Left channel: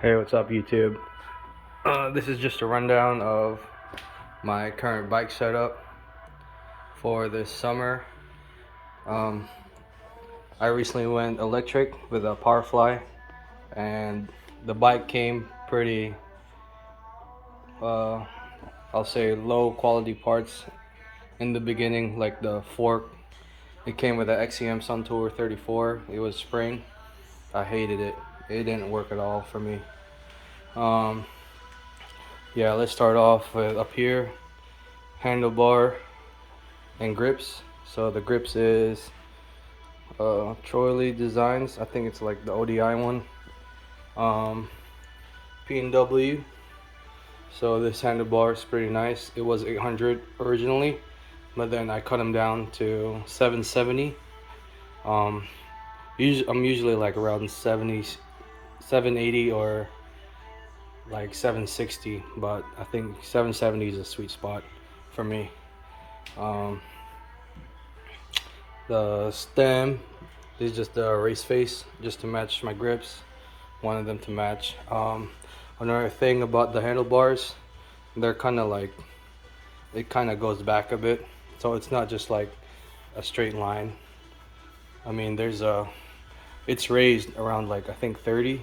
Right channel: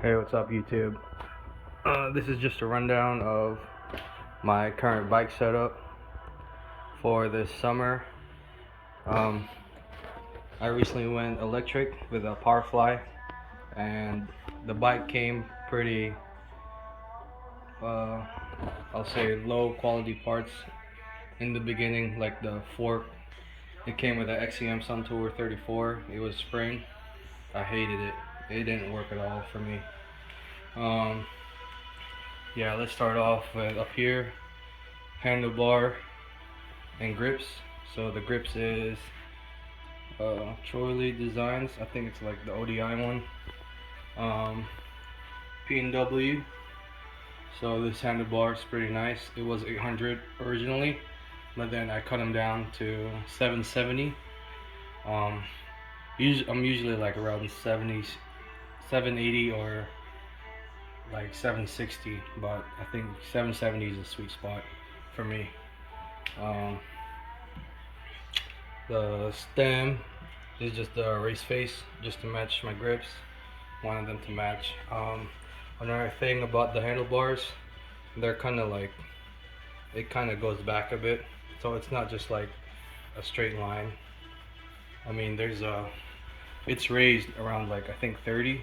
Hey, what's up, YouTube? This is just a rundown of my current bike setup for this summer. Um, I recently went electric with a Powerfly, and the bike came pretty, I'll say, low quality parts in the beginning, like the fork. It came with an XCM Sun Tour 34. It was spring. I hated it. It didn't work at all for me. Um, yeah, let's start off with up here, handlebar and grips. So the grips is Troy Designs. I think it's like the ODI one. P&W. So this handlebar is pretty nice. It was 800 originally, but then I cut them down to 770. I'm usually like around 70, 780 or like 760, but I think 770 is a sweet spot for me. Um, the stem is just the race face, just to match my grips. Wanted them to match. Another thing about the handlebars, they're kind of like, it kind of goes back a bit, so it's not just like a straight line. I mean, it's raised around like I think 30,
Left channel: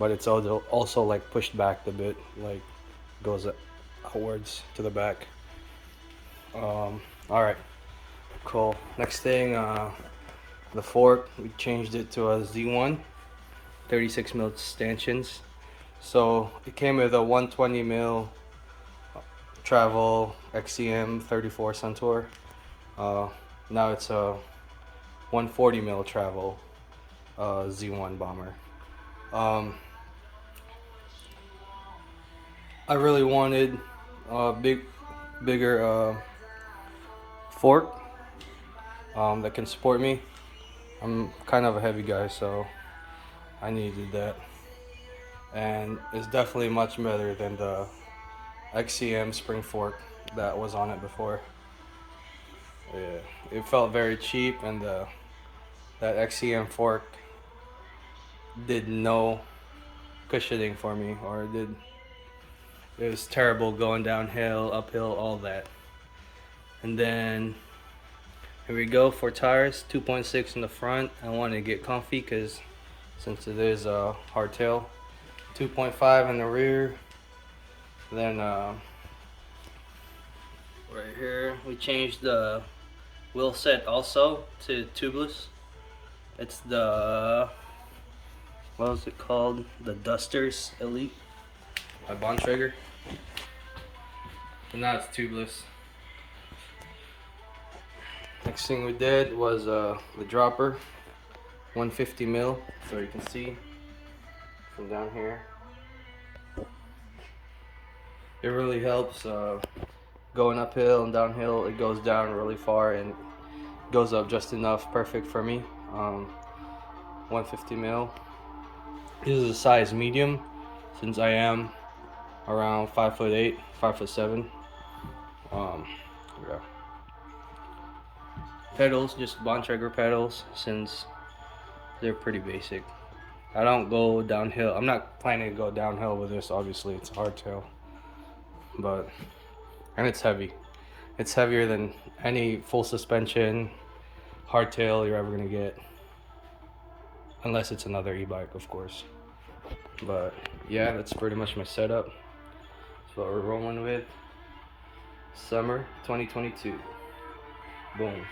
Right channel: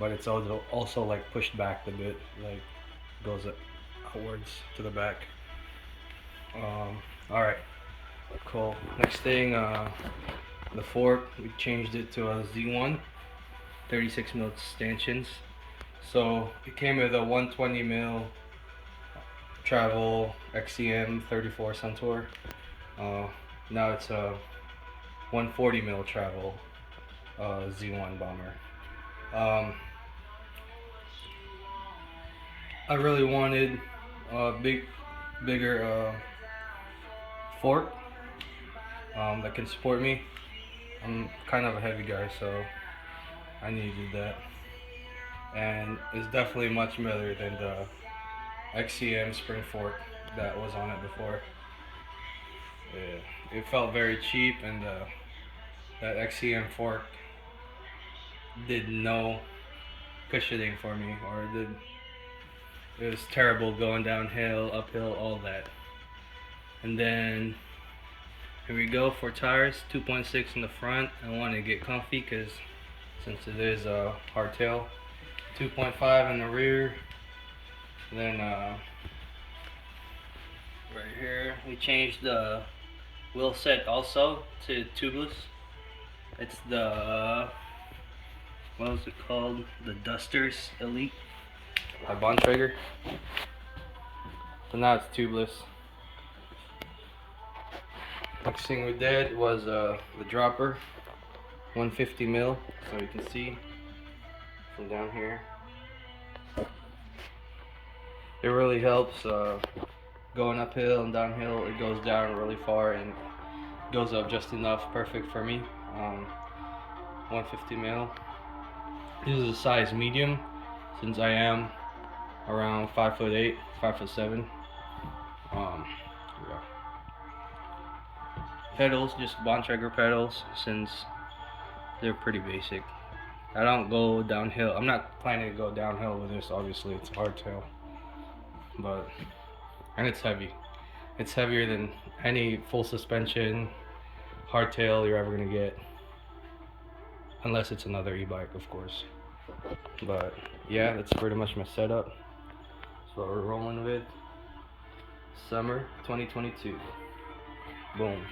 but it's also like pushed back a bit, like goes outwards to the back. All right, cool. Next thing, the fork, we changed it to a Z1, 36 mil stanchions. So it came with a 120 mil travel XCM 34 Suntour. Now it's a 140 mil travel Z1 bomber. I really wanted a bigger fork that can support me. I'm kind of a heavy guy, so I needed that, and it's definitely much better than the XCM spring fork that was on it before. Yeah, it felt very cheap, and that XCM fork did no cushioning for me, or it was terrible going downhill, uphill, all that. And then here we go for tires, 2.6 in the front. I want to get comfy because since it is a hardtail. 2.5 in the rear. Then right here we changed the wheel set also to tubeless. It's the, what was it called? The Dusters Elite by Bontrager. So now it's tubeless. Next thing we did was the dropper, 150 mil, so you can see from down here. It really helps going uphill and downhill. It goes down really far and goes up just enough, perfect for me. 150 mil. This is a size medium, since I am around 5'8", 5'7". Yeah. Pedals, just Bontrager pedals, since they're pretty basic. I don't go downhill. I'm not planning to go downhill with this. Obviously, it's hardtail, and it's heavy. It's heavier than any full suspension hardtail you're ever gonna get, unless it's another e-bike, of course. But yeah, that's pretty much my setup. That's what we're rolling with. Summer 2022. Boom.